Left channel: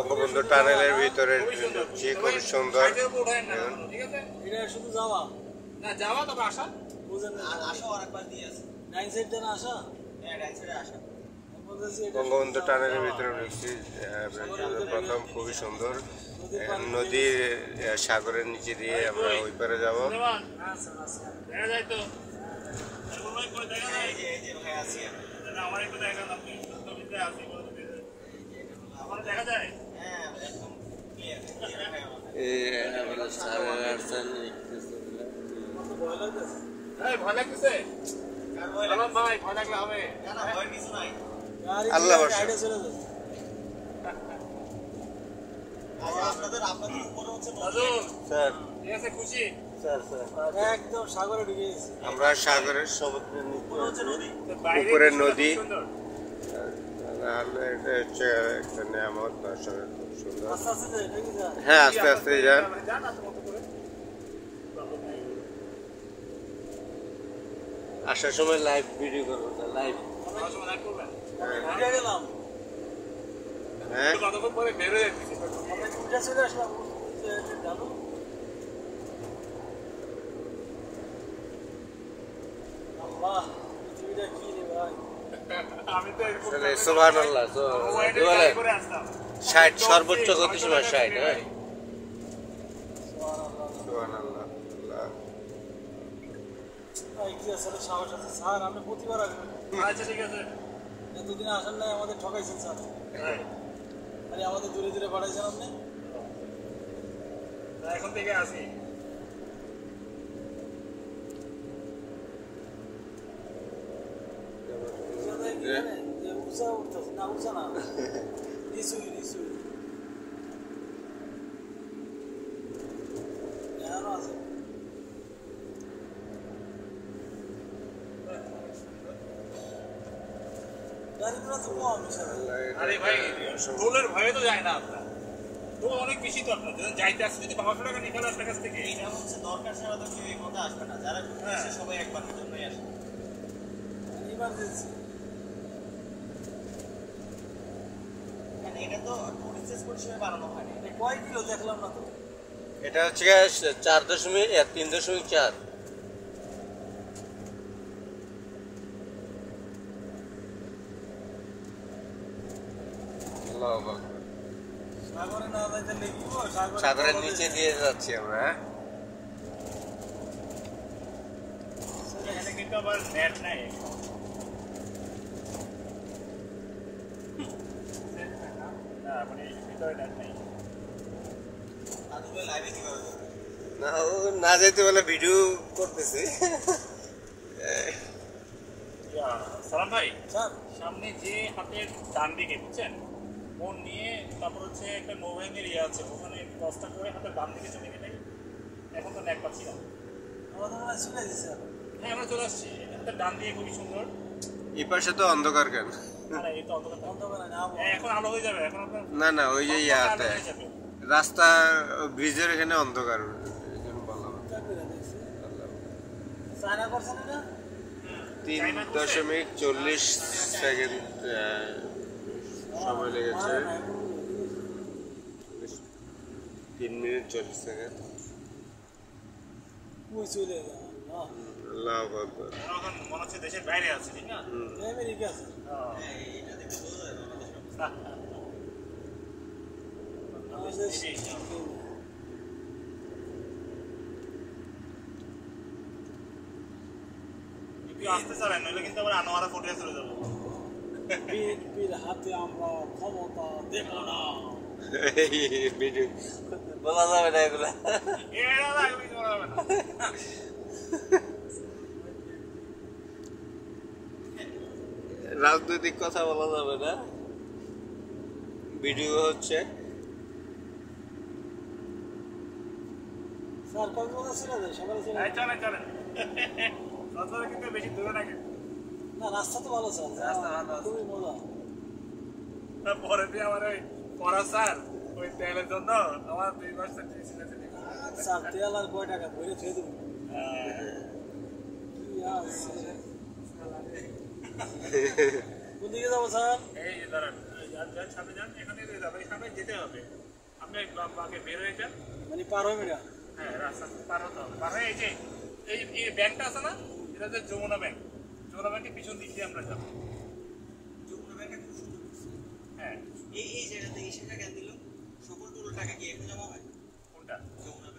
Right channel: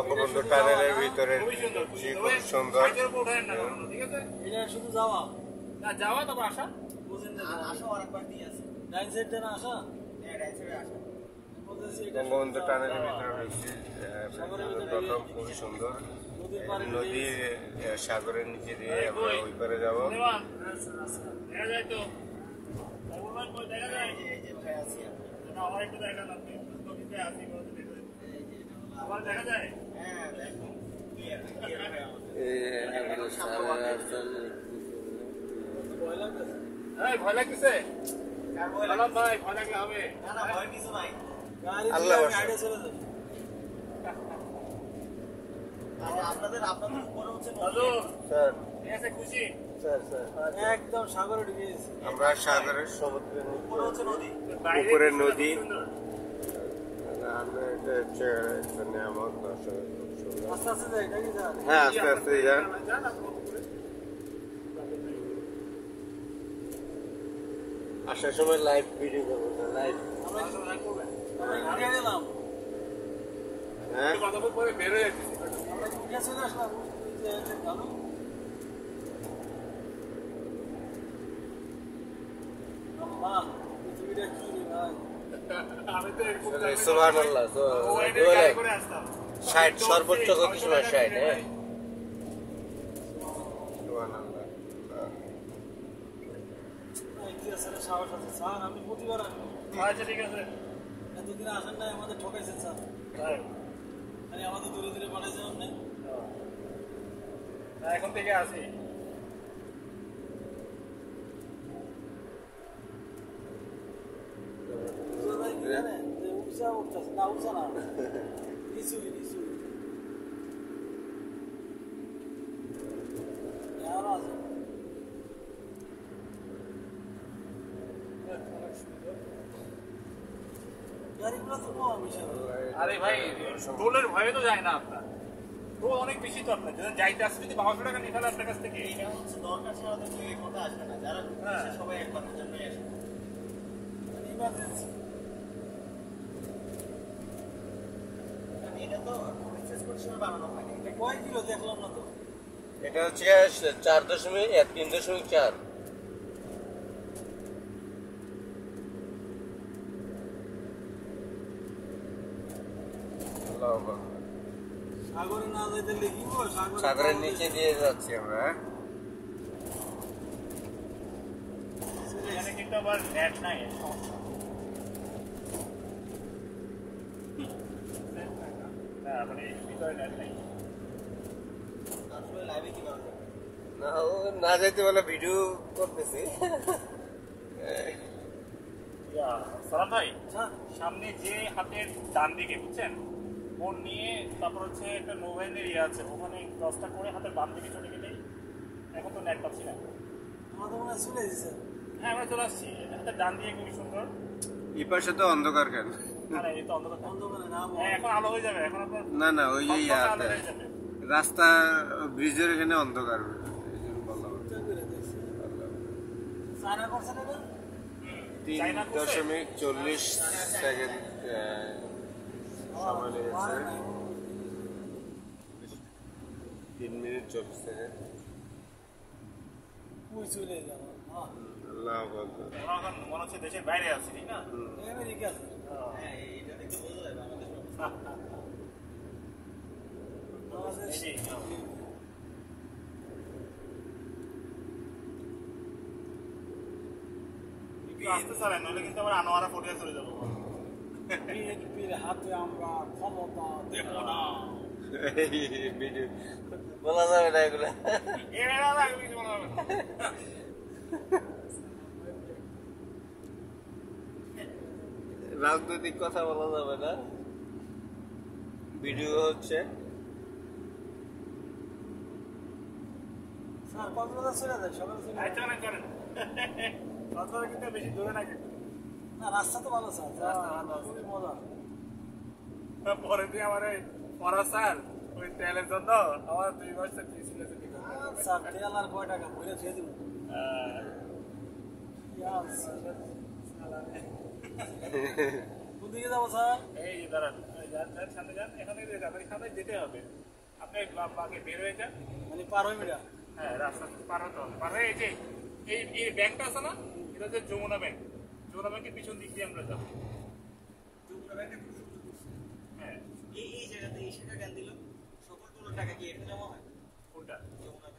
বঙ্গবন্ধু টানেলের ভিতরে ঢুকছি, খুব সুন্দর। শুধু যাওয়া না যাওয়া তবে আসা আসা আর একবার দিয়ে আছে ডাইন সাইড দেন আসা হ্যাঁ ডাইন সাইডে আসা বঙ্গবন্ধু টানেলের ভিতরে ঢুকছি প্রথম, খুবই সুন্দর। নদীর সাগরের নিচে দিয়ে আমরা ওই পারে যাবো। দেখা যায় তো আমার একটু দেখা আমার দেখা যায় ভয় লাগতেছে ভাই, ভয় লাগলে হবে আল্লাহ খুশি একদম সাগরে ঢুকে গেছে আমরা সাগরের সমুদ্রের উপরে নদী। এটা হচ্ছে একটা নিয়ামত, দর্শকের খুব সুন্দর। হ্যাঁ আস্তে আস্তে যান। আসার সময় লাইভ ভিডিও করবো, লাইভ। হ্যাঁ পরে বের হয়ে চলে আসলাম পৃথিবীটা কি রে ভাই আমি তো সুবহানাল্লাহ 60 সর্বোচ্চ গতির সময় 60। হ্যাঁ সুবহানাল্লাহ। সাহস আছে স্যার, আপনি প্রতিবার আসবেন। আচ্ছা ঠিক আছে, এতদিন আসেন নাই, আমাদের ঠকাইছেন স্যার। আরে আমাদের দূরে দূরে পাঠাইছেন আপনি। এখন থেকে আসি। উঁচা উঠতেছে না, উঁচা না, নিচুই নিচুই আরো আছে। আরে ভাই টোলের ভয়ে তো যায় না আপনার, টোল অনেক বেশি তো আপনার যাইতে আসছে। যদি 500 টাকা নিকালে আপনার কাছ থেকে, এইটা হচ্ছে দরকার ছাড়া তো কেউ এই মতো আসবে না। যারা সবাই একবারের জন্যই আসে, ইমার্জেন্সি। এটা তো টুরিস্ট পরিষেবা বানানো হয় না। এটা কয় কিলো দেখলাম না তো। এটা হচ্ছে 3.4। সাগরে না যাইতে লেগে সাগরের নিচে দিয়ে যাচ্ছি আমরা। এখানে কিন্তু আবার নেট নাই, মানে ভিতরে নেট নাই। না ও না যাইতে বলে ভিডিও করতেছে। সালাম ভাই, সামনে যে হাতের ডান দিকে বুঝছেন ফোন নিয়ে, তারপর হচ্ছে একটা মোবাইলের ইয়ে আছে, ওখানে 10টা করে হাতের বাম দিকে চলে গেলেই, এখন তো নেট পাচ্ছি না। চলে দিচ্ছে। হ্যাঁ আমরা চলে আসছি, হাতের ডান দিকে খুবই সুন্দর। এই পাশে তো অন্ধকার কেন? এই তো অন্ধকার না, এখন আলো হয়ে যাবে। এখন আপনার না না ওই যে ইয়াতে রাস্তা ব্রিজের এখানে অন্ধকার, এই জন্য বললাম। 3.40 সেকেন্ড সময় লেগেছে, 3 মিনিট 40 সেকেন্ড। আল্লাহু আকবার। এখন মনে হচ্ছে দেশের বাইরে আছে, ঠিক না? আমেরিকা আছে। আসতে চাবেন, নইলে কিন্তু আবার আনোয়ারা ফুটে চলে যাবো। বিএনপির হাতে আমরা ক্ষমতা দেব না। ভিডিও বলা যাবে না এগুলা, রাজনৈতিক কথা বলা যাবে না, ভিডিও হচ্ছে। স্যার কক্সবাজার চলে যায়, সকালে চলে যায়। চলেন চলেন, কক্সবাজার কিন্তু বেশি দূরে না। না রাস্তা তো ভালো স্যার, খুবই মজা। পরে দিয়ে আমার ওই পড়া স্যার ওই তেলের জন্য আমার 2 মাস স্যার তেল আর কয় টাকা ভরে থুয়ে দেবো। কোন দিকে যাবো স্যার? এই দাঁড়ান, যান যান সামনে যান, এখানে আপনাকে সামনে যেতে হবে, আপনি বাগে বের হয়ে যান। মানে পার হয়ে বেড়া হ্যাঁ রাস্তা থেকে পার হতে হবে, পার হয়ে এই যে এই ব্যাংকটা আছে না, এটা হচ্ছে যমুনা ব্যাংক। যমুনা ব্যাংকের পিছন দিক দিয়ে আমরা যাবো। হ্যাঁ এই জায়গাতে এই শাখা জ্ঞান দিল সকল টোল টাকা কি এখন জমা হয় কোনটা? যমুনা